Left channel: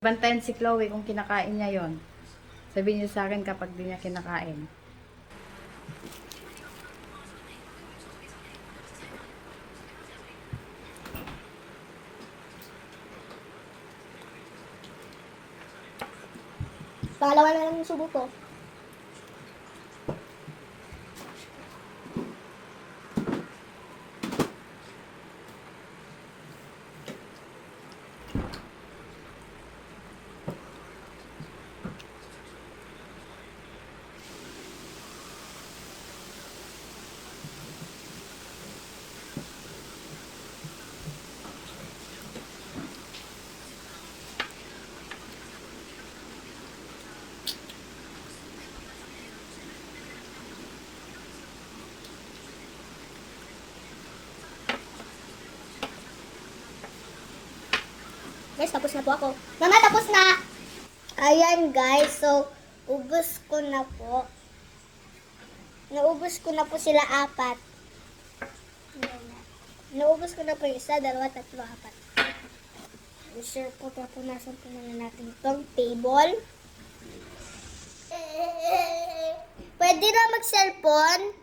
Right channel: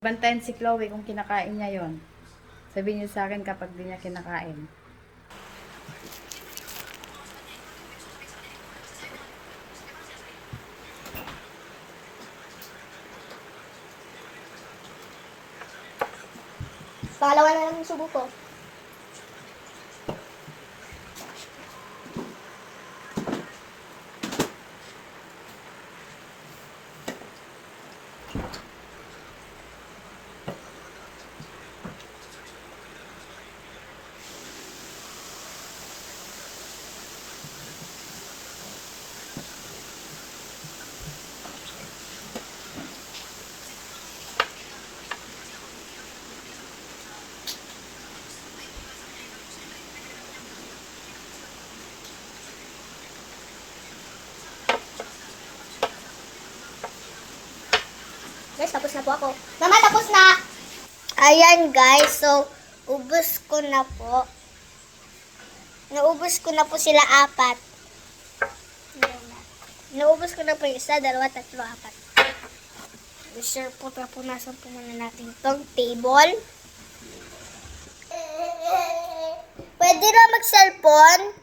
Bantayan si Chloe kung kinakain niya yon. Sabihin niyo sa akin kapag di niya kinakain. Pangalawa na lang yung subo ko. Guys, tapos na po ako. Mama, tapos na! Ayan guys, so ubus ko na po. Naubos ko na po sila apat. Naubos ko na po yung isa, dalawa, tatlo, apat. Sure po, tapunasan po muna natin itong table. Pwede na mag-cellphone.